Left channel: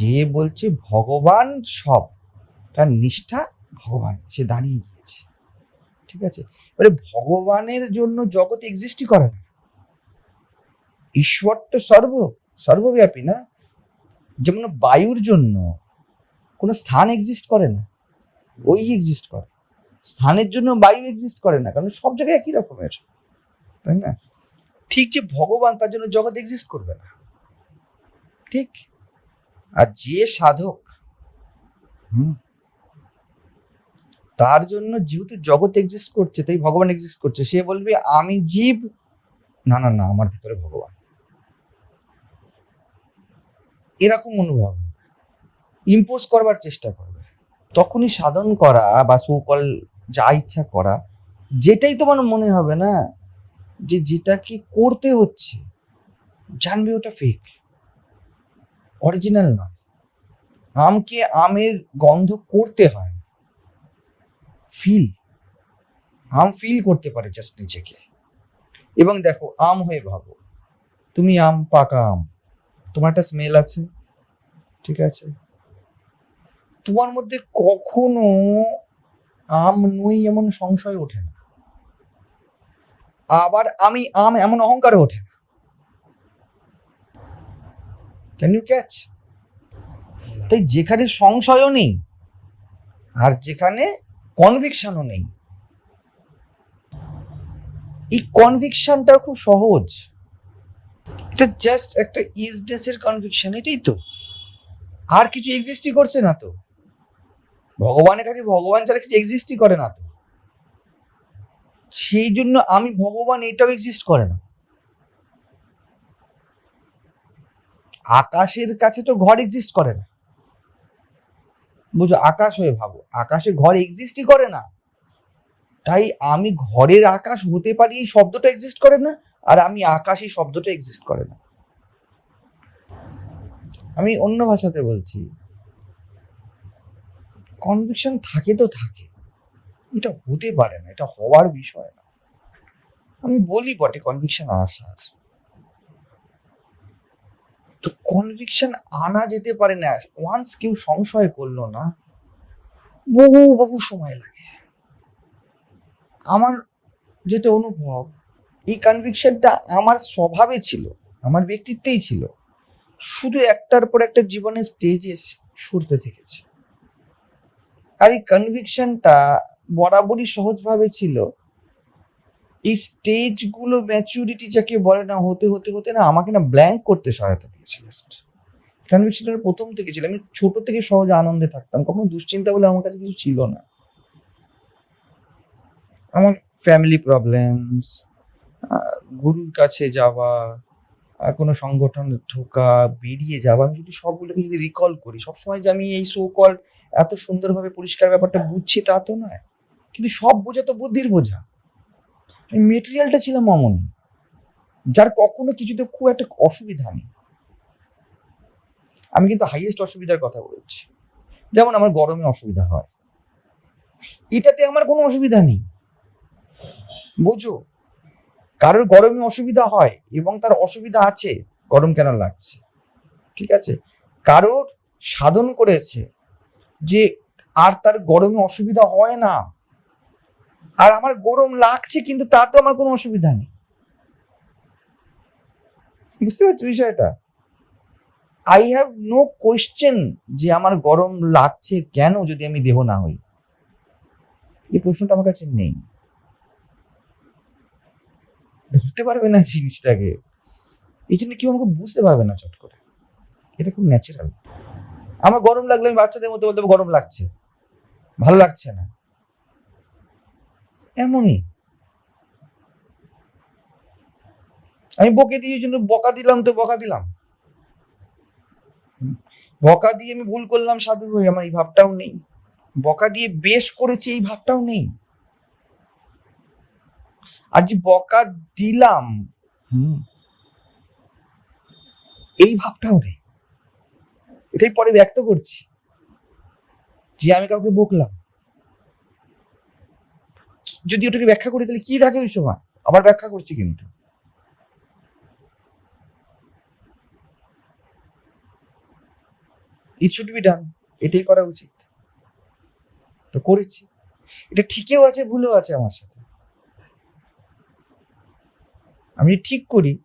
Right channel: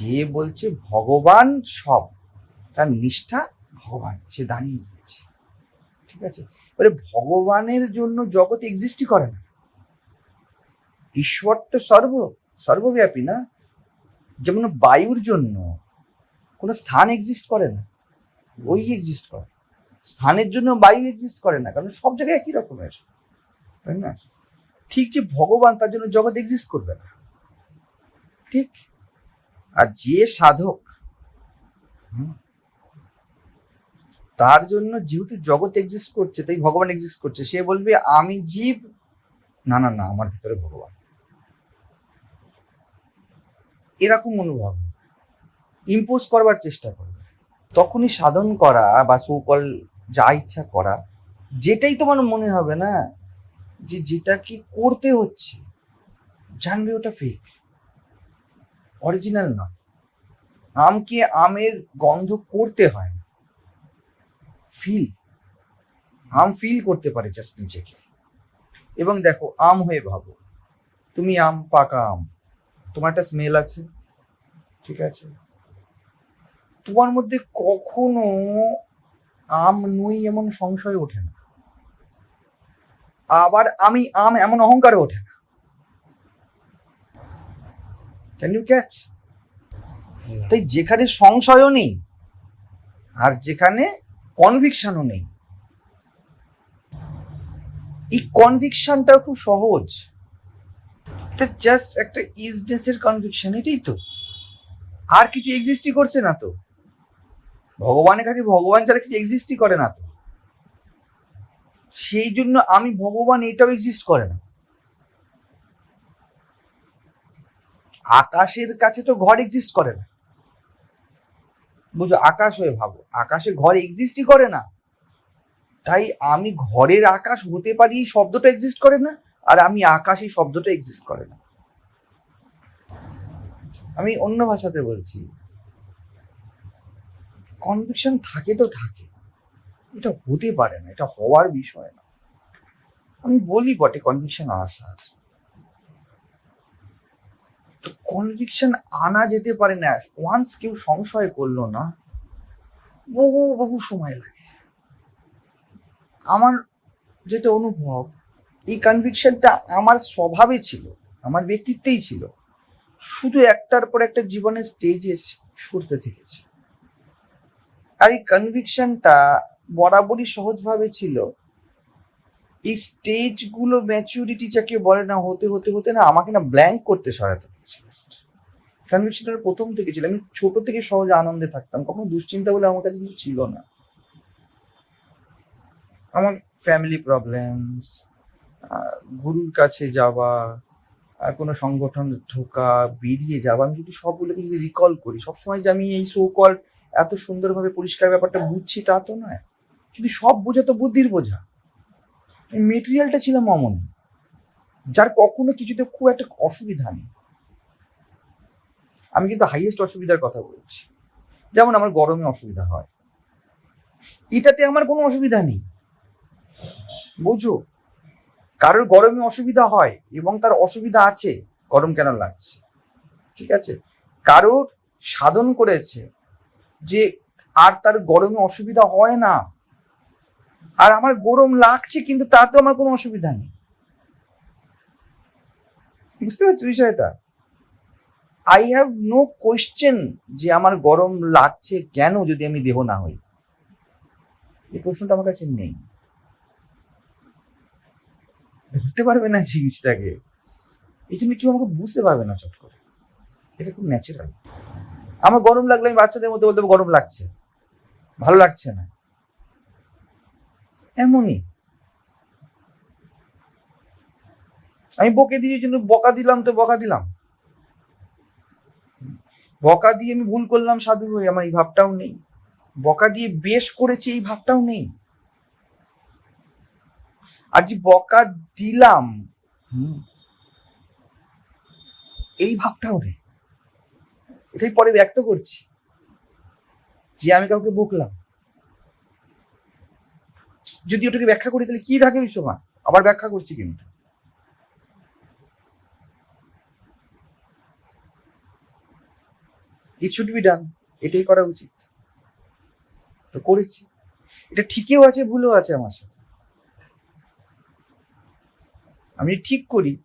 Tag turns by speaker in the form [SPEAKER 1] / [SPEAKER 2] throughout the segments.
[SPEAKER 1] যে বলছে ভগবান সব, তার নিষ্ঠা ভগবান, সে দাঁড়িয়ে গিয়েছে। ঠিক আছে? এবারে ভগবানের জন্য জগৎ এক্সিস্টই করে না। ঈশ্বর তো সর্ব, সর্বব্যাপী না? যেমন বায়ুর জন্য কোনো স্থান এক্সিস্ট করে না ওই এক্সিস্ট করে। স্থানের জন্য বায়ু এক্সিস্ট করে না, কারণ সব জায়গায় একই রকমের তাই না? ঠিক যে ভগবান, তার জন্য জগৎ এক্সিস্ট করবে না। ঠিক? আর যে সাধক তার জন্য যেহেতু জগৎ এক্সিস্ট করছে, তাই ভগবান এক্সিস্ট করছে, সে বলবে, আমি জীব। না না না, আমার ভিতরে ভগবান। এরকম অনুভব ইম্পোজ করবার চেষ্টা করবে। তখনই সাধন করা বা সুকল যা ইচ্ছা করা, যেটাই তোমার মনে হবে না, যে যেটাকে করতে হচ্ছে, জানবে ওটা ফেক অরিজিনাল নয়। আমকে আমের গন্ধ করতে হয় না। ফিল আম ফিল করতে পারে জাস্ট নিজেকে। এবং দেখো, আম হয়ে ভাবো, তুমি আম, পাকা আম, তোমার একটা স্মেল আছে, ঠিক আছে? তোমার মধ্যে কখনো আম নই এমন সংশয় ওঠে না। আবার আমি আম এমন অহংকার ওঠে না। ক্যান ইউ ক্যাচ তাই যেখানে সংশয়ও নেই, আর যেখানে কনভিকশনও নেই। এই কনভিকশনটা খুব সহজ। এটা জাস্ট একটা ইজনেসের কনভিকশন এটাই তো। আর কিছু এক্সিস্টই করছে না তো। ভগবানের কাছে ভগবান ছাড়া কিছু এক্সিস্টই করে না তো। সেই জন্য আমি ভগবান এটাও এক্সিস্ট করে না। আকাশের কাছে তো ঘর এক্সিস্ট করে না। বুঝো, আকাশ হয়ে ভাবো, আকাশে ঘর এক্সিস্টই করে না। তাই আমি ঘরের আকাশ হতে পারি এই শব্দটা এক্সিস্ট করে না, আর আমি আকাশ এই শব্দটা এক্সিস্ট করে না। আমি অন্য ভাষাতে বলছি কনভিকশন থাকে তো থাকে, এটা হতে পারে না, এটা হওয়ার বিষয় না। আমি বলি বটে কনভিকশন আসা আছে। তো কনভিকশন আনা যেতে পারে না। ওয়ান্স কেউ সংশয় করল না, বহু বহু সময় লাগে। আমার যেটা অনুভব, এই কনভিকশনটা আমার স্বভাবে ছিল, আমার ব্যক্তিত্বেই ছিল। শুধু একটার পর একটা জীবনের স্টেজে সরতে থেকেছে। আর এই কনভিকশনটা বরাবরই সহজভাবে ছিল। এই স্টেজগুলো ম্যাচুরিটি যাকে বলে না, হতে হতে হতে না আমাকে না ব্ল্যাঙ্ক করতে সহায়তা দিয়েছে কনভিকশনটা প্রথম থেকে ছিল। আমি ছোট থেকে সহজে আনন্দে থাকতাম। কখনো দুশ্চিন্তা বলে আমার কাছে কিছু ছিল না। আমার ফ্যামিলি প্রবলেমস গুরুর কাছে যাওয়া কোনো সংগঠনে ঢোকা, বেরিয়ে যাওয়া, আমি যদি সবগুলোকে যদি রিকল করি, সবসময় যে আমি এই সো কল এত সুন্দরভাবে পরিষ্কার ব্যাপারটা বুঝছি তা তো নয়। কিন্তু সব বোঝা তো বুদ্ধির বোঝা। মেটেরিয়ালটা ছিলাম অমন যার কখনো কিছুতে খুব একটা অসুবিধা নেই। আমি কিন্তু হাইয়েস্ট অসুবিধার কথা বলছি। যেমন আমার গরমে অসুবিধা হয়। এটাতে আমার কোনো অসুবিধা নেই। বুঝো কারোর গরমে অসুবিধা হয় এবং তার অসুবিধা আছে, গরম কেন লাগছে? ঠিক আছে? কারোর সাধন করেছে যে আর তার গরমে অসুবিধা হয় না। আর আমার গরম লাগছে কিন্তু তাতে আমার কোনো অসুবিধা নেই। বুঝতে পারছ বিষয়টা? আই হ্যাভ নো কোয়েশ্চেন যে আমার গরম লাগছে কেন যদি আমি দেহ না হই। এই প্রশ্নটা আমার কাছে নেই। ধরতে পারবে না জিনিসটাকে। এই জন্য কেউ আমাকে বুঝতে পারবে না চট করে। এটা খুব ন্যাচারাল আমার গরম লাগলে আমি বাচ্চাদের মধ্যে বলতে গরম লাগছে। ভালো লাগছে না। এমনই। আমি বকে দিয়ে জন্য বকা দিলাম তো বকা দিলাম। বকা দিয়ে আমি ভুল করলাম সাধু হয়ে, আমার এই ভাবটাও নেই। বকা দিয়ে বেশ করেছি, এই ভাবটাও নেই। আর যে বকা দিলাম এই ভাবটাও নেই। এটাই পরে ব্যক্ত করছি যে আমি কাউকে বকলাম। যদি ওটাকে ব্যাখ্যা করি, তাহলে কি থাকে ওই সময় আবার ব্যাখ্যা করছি কিন্তু। ইট শুড বি ডান এটাই করা উচিত। তো করেছি। এটা ঠিকও আছে, ভুলও আছে আমার সাথে। আমি ঠিক করি।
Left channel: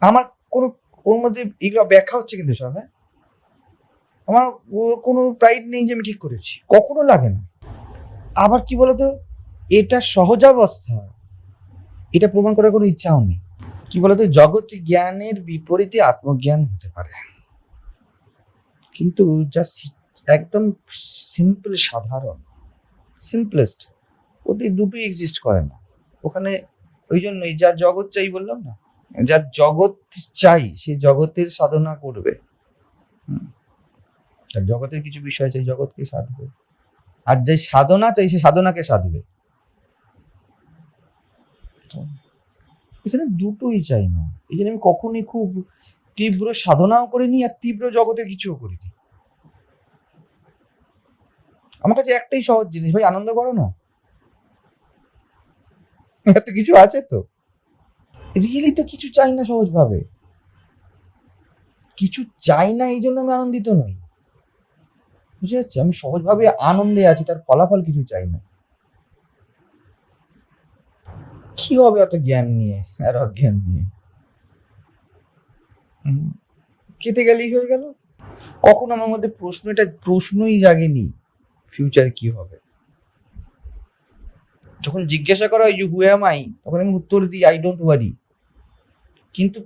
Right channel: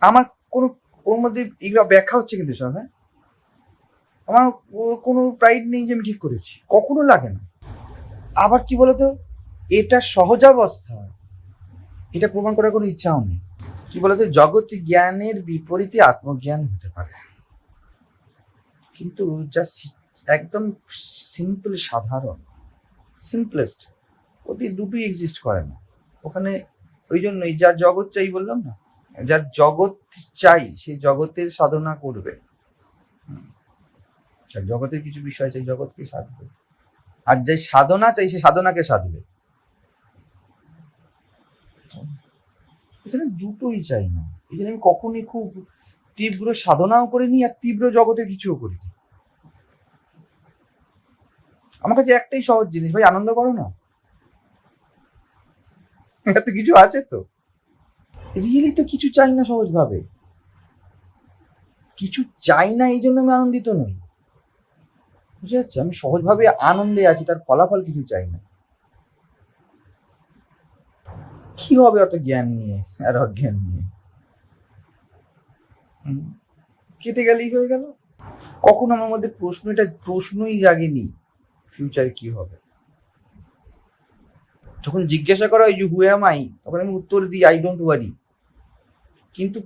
[SPEAKER 1] আমার কোনো, ওর মধ্যে এগুলো ব্যাখ্যা হচ্ছে কিন্তু সব হ্যাঁ? আমার কোনো প্রাইড নেই যে আমি ঠিক করেছি। কখনো লাগে না। আবার কি বলতো? এটা সহজাবস্থা। এটা প্রমাণ করার কোনো ইচ্ছাও নেই। কি বলতো? জগৎ জ্ঞানের বিপরীতে আত্মজ্ঞান হতে পারে। কিন্তু যা একদম সিম্পল সাধারণ সিম্পলেস্ট ওতে দুটোই এক্সিস্ট করে না। ওখানে ওই জন্যই যার জগৎ চাই বললাম না, যার জগৎ চাই, সে জগতের সাধনা করবে। জগতের কিছু বিষয় চাই, জগৎকে সাধবে। আর যে সাধনা চাই, সে সাধনাকে সাধবে। এখানে দুটোই চাই না। এই আমি কখনই খুব তীব্র সাধনাও করিনি আর তীব্র জগতের কিছুও করিনি। আমার কাছে একটাই সহজ জিনিস, ভাই, আনন্দ করো না। এত কিছু আছে তো? রিয়েলি তো কিছু চাই না সহজভাবে। কিছু চাই না, এই জন্য আমি আনন্দিত নই। বুঝে যাচ্ছে আমি সহজভাবে আনন্দে আছি, তার ফলাফল কিছু চাই না। কি হবে অত জ্ঞান নিয়ে আর অজ্ঞান নিয়ে? কেটে গেলেই হয়ে গেল। কখন আমার মধ্যে প্রশ্ন এটা প্রশ্নই জাগেনি ফিউচার কি হবে? যখন জিজ্ঞাসা করা হয় যে হু এম আই তখন আমি উত্তর দিই আই ডোন্ট ওয়ারি কিন্তু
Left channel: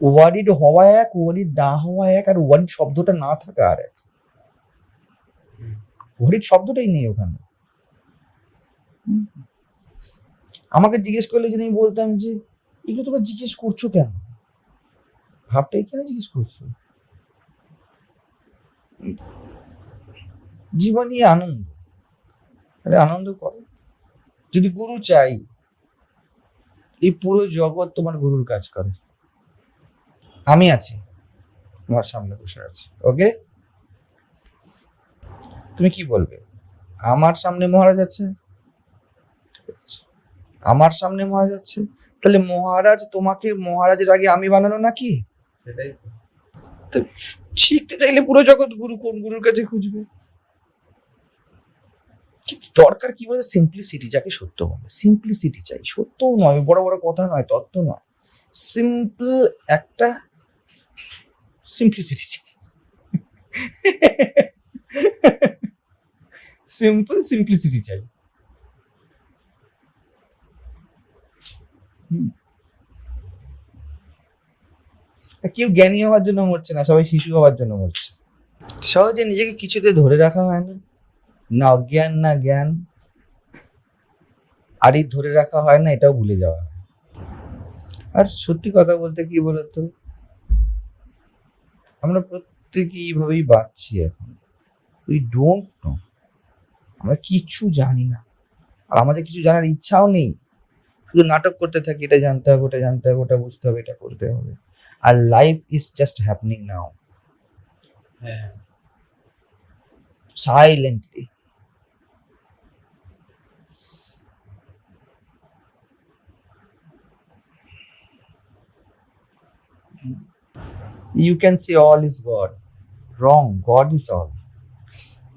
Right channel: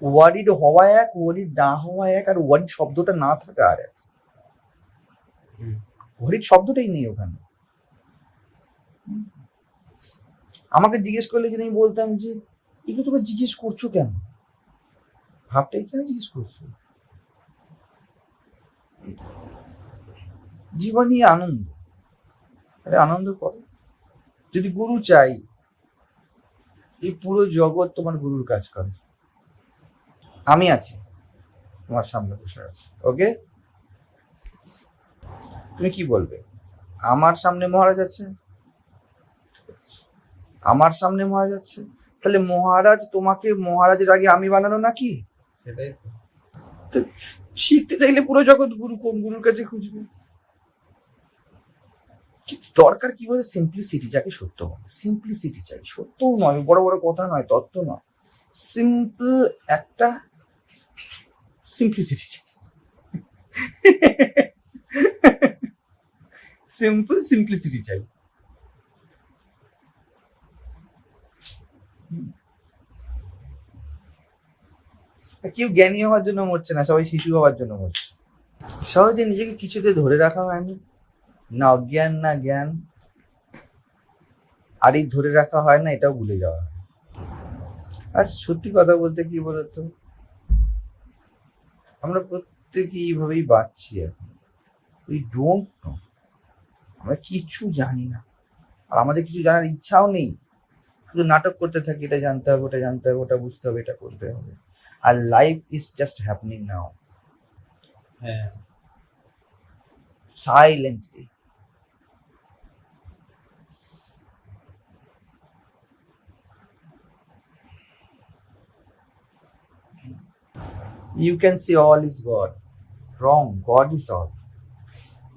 [SPEAKER 1] ওয়ারিড হওয়া এক ওয়ারিড না হওয়া এক, আর ওয়ারিড শব্দটা না থাকা আর এক। ওয়ারিড শব্দটাই নেই ওখানে। আমাকে জিজ্ঞেস করলে যদি আমি বলতাম যে, এগুলো তোমরা জিজ্ঞেস করছ কেন? ভাবটা এখানে জিজ্ঞেস করছ। জীবনই আনন্দ। আরে আনন্দ করো যদি গুরু চাই, এই পুরো জগৎ তোমার গুরুর কাজ করে। আমি আছি, তোমার সামনে বসে আছি, ওকে? তুমি কি বলবে? আমার সামনে মহারাজ আছে। আমার সামনে মহারাজ আছে? তাহলে মহারাজ তোমাকে, মহারাজের আগে আমি বানানো নাকি?
[SPEAKER 2] সেটাই তো।
[SPEAKER 1] শিখতে চাইলে পুরো জগৎ গুরু কোন গুরুর কাছে খুঁজবে? দরকার কি বলে সিম্পলিসিটি যাকে সত্য বলে। সিম্পলিসিটি চাই। সত্য নয়, বড় বড় কথা নয়, তত্ত্ব নয়। সিম্পল একটা সিম্পলিসিটি চাই। সিম্পল সিম্পলিসিটি চাই। কেউ জ্ঞানী হওয়ার জন্য মরছে না, সবাই শিশু হওয়ার জন্য মরছে। সহজে নিজেকে কিছুতে ধরে রাখা হয় না। না অজ্ঞান, না জ্ঞান। আর এই ধরে রাখা হয় না, এটাও ভুলে যাওয়া হয়। আর সত্যি কথা বলতে কি বলতো? আমরা প্রত্যেকে এইভাবেই বাঁচছি এখন। উই ডোন্ট নো আমরা কিচ্ছু জানি না। আর আমাদের কিছু জানার ইচ্ছাও নেই। শুধু নাটক করতে থাকি, এটা জানতে হবে, ওটা জানতে হবে, ওটা বুঝতে হবে, এটা করতে হবে। আর life is just happening
[SPEAKER 2] now
[SPEAKER 1] silently. You can say all is God. Wrong. God is all.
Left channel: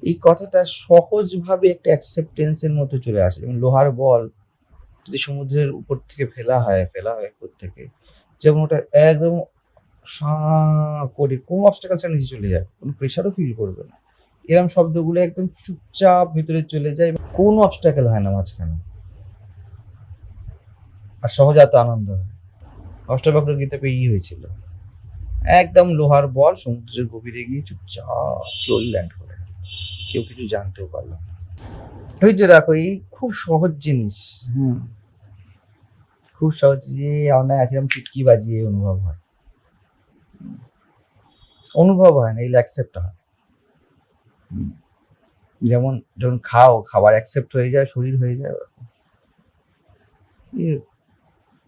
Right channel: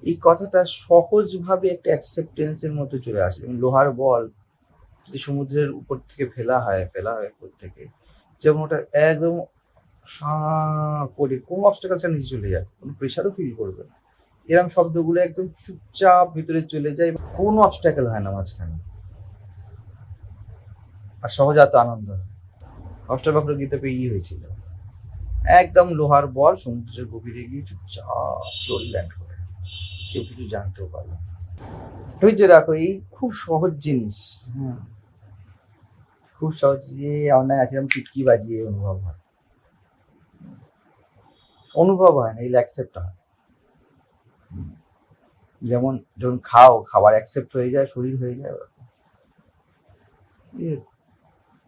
[SPEAKER 1] এই কথাটা সহজভাবে একটা অ্যাকসেপ্টেন্সের মতো চলে আসে যেমন লোহার বল যদি সমুদ্রের উপর থেকে ফেলা হয় ফেলা হয় উপর থেকে যেমন ওটা একদম সাঁ করে কোন অবস্টাকাল নিচে চলে যায়? কোনো প্রেশারও ফিল করবে না। এরম শব্দগুলো একদম চুপচাপ ভিতরে চলে যায়। কোনো অবস্টাকেল হয় না মাঝখানে। আর সহজাত আনন্দ হয়। অষ্টবক্র গীতে পেয়েই হয়েছিল। একদম লোহার বল, সমুদ্রের গভীরে গিয়ে চুপচাপ স্লোলি ল্যান্ড করে। কেউ কিছু জানতেও পারল। ধৈর্য রাখো এই খুব সহজ জিনিস। হুম। খুব সহজ যে অনেক আছে এরকম চুটকি বাজিয়ে অনুভব হয়। অনুভব হয় না এগুলো অ্যাকসেপ্ট হয়। যেমন যখন খাও, খাবার অ্যাকসেপ্ট হয়ে যায়, শরীর হয়ে যায়, ওরকম।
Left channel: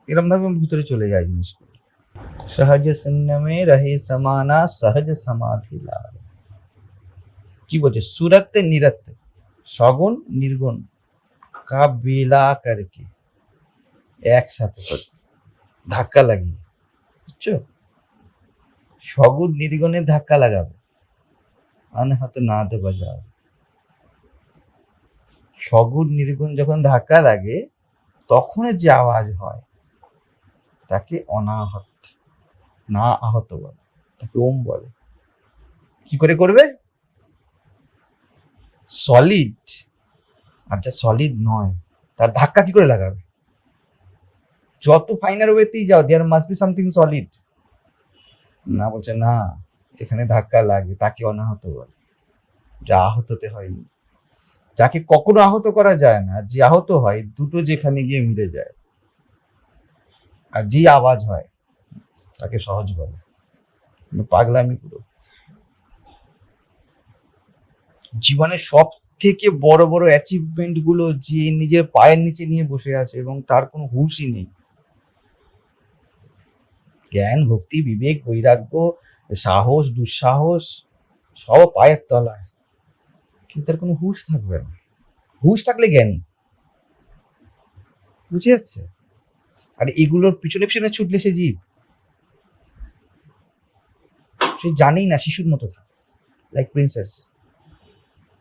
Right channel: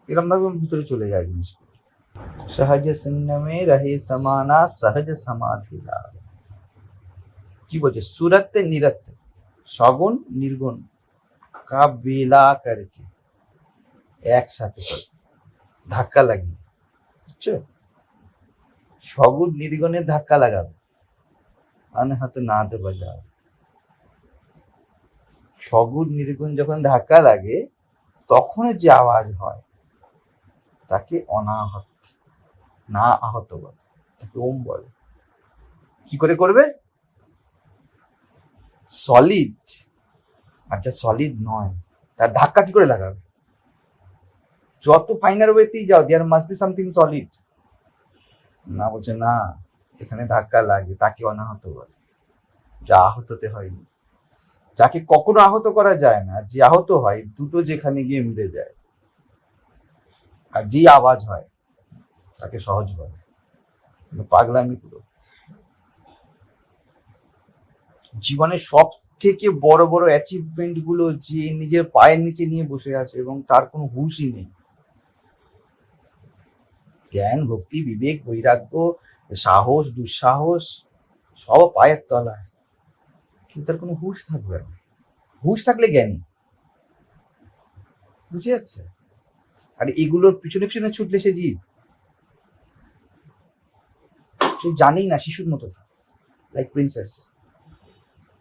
[SPEAKER 1] এরম ভাবে ভিতরে চলে যায় জিনিস সহজ শূন্য মে রহে সমানা, সহজ সমাধি লাভ। কি বলছে? সুরত নিরত সগুণ, নির্গুণ। কা বেলা করকে। একসাথে। ধাক্কা লাগিয়ে। বুঝছ? সগুণ নির্গুণের ধাক্কা লাগাবে। হাতে না নাদ বাজাও সগুণ নির্গুণ যখন ধাক্কা লাগে তখন যে আওয়াজ হয়, তাকে অনাহত, না আহত বলে, তাকে ওম বলে। কি করে করবে? সলিড আর যা সলিড নয়, তার ধাক্কা কি করে লাগাবে? যত ফাইনার ওয়েতেই যাও there must be something solid না বলছে, না, এখানে ধাক্কা লাগে, তাকে অনাহত বলে যা আহততে হয়নি। যাকে কখনো আহত করা যায় না, যে আহত হয়, দুটো যেখানে গিয়ে মিলে যায়। আর যে আওয়াজ হয়, তাকে সহজ বলে। কিন্তু পাগলামি পুরো। জীবনের সব থেকে বড় বড় অ্যাচিভমেন্টগুলো যে নিজের পায়ের নিচে নিয়ে বসে আছে এবং তার কোনো হুঁশই নেই। জ্ঞান, ভক্তি, বিবেক, বৈরাগ্য, সাহস, দুঃসাহস, সব পায়ের তলায়। কিন্তু তার কোনো হুশ থাকবে না। হুশ থাকলে জ্ঞানী। বুঝে যাচ্ছে? আর এগুলোর পিছনে পিছনে ছুটলে সে জীব। সে জানেই না শিশুর মতো থাকে। লাইক প্রিন্সেস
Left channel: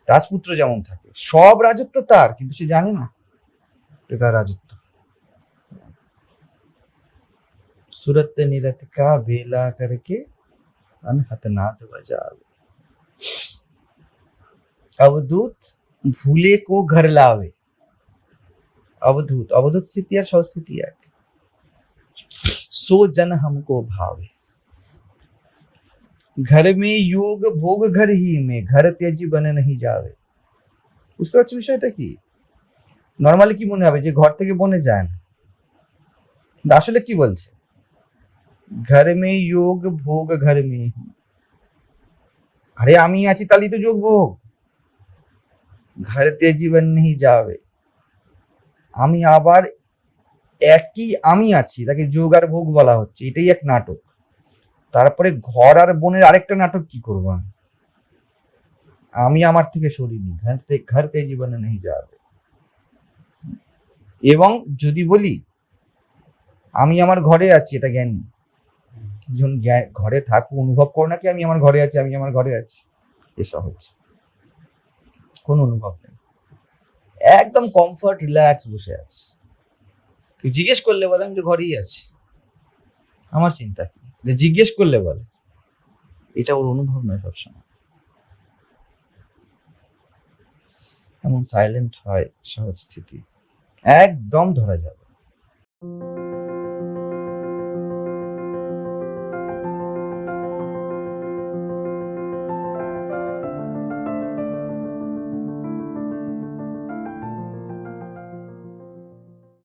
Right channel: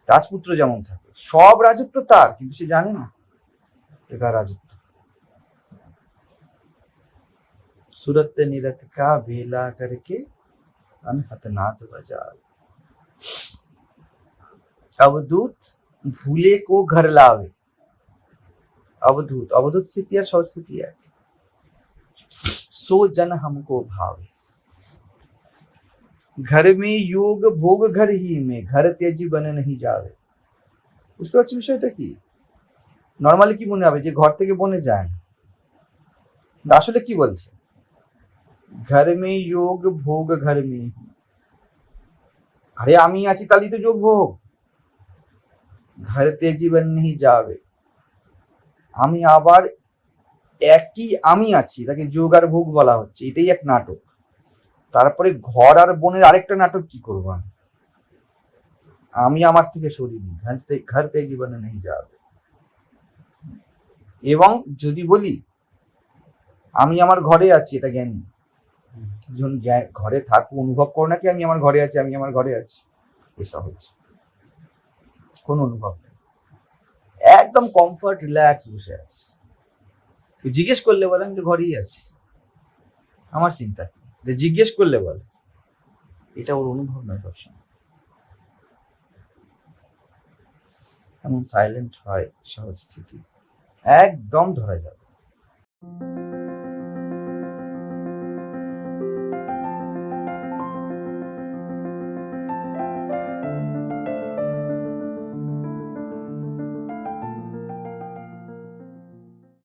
[SPEAKER 1] রাজপুত্র যেমন থাকে। সব রাজত্ব তার, কিন্তু সে জানে না এটা রাজত্ব। सूरत निरत का वेला करके अनहत नाद बजा अवधूत भूले को घर लावे अवधूत अवधूत स्थिति और स्वस्थिति एक सो जन हमको भावे घर में योग भोग घर ही में घर তেজি বনে नहीं যাবে বুঝতে পারছি বিষয়টা কি নর্মালি কি মনে হবে যে ঘর থেকে বনে যায় না কিন্তু আসলে কি বলছে ঘর মে যোগ ভোগ ঘর মে আরে আমি আছি তাহলেই তো যোগ ভোগ ঘরতে জীবন নেই যাবে আমি আবার একই আমি আছি তাকে যোগ আর ভোগ বলা হচ্ছে এটাই এক নাটক তারপরে ঘর আর বোনের আরেকটা নাটক কি করব আমি আমি আমার থেকে সরিনি ঘরতে ঘরতে জীবনে নেই যাবে এবং যদি বলি আমি আমার ঘরে আছি এটা জ্ঞানী যখন ঘরে থাকো অনুভব করো নাকি আমি আমার ঘরে আছি, আমি আমার ঘরে আছি। এ সহজ কোনো অনুভব নেই। একদম কমফর্ট রিল্যাক্স বসে আছে। কেউ জিজ্ঞেস করলে বলে, আমি তো ঘরেই আছি। আমার চিন্তা কি? জিজ্ঞেস করলে বলে। এটা ওর অনুভব নয় সবসময়। এমন সাইলেন্ট হয়, সহজ স্থিতি। একদম ধরা যাবে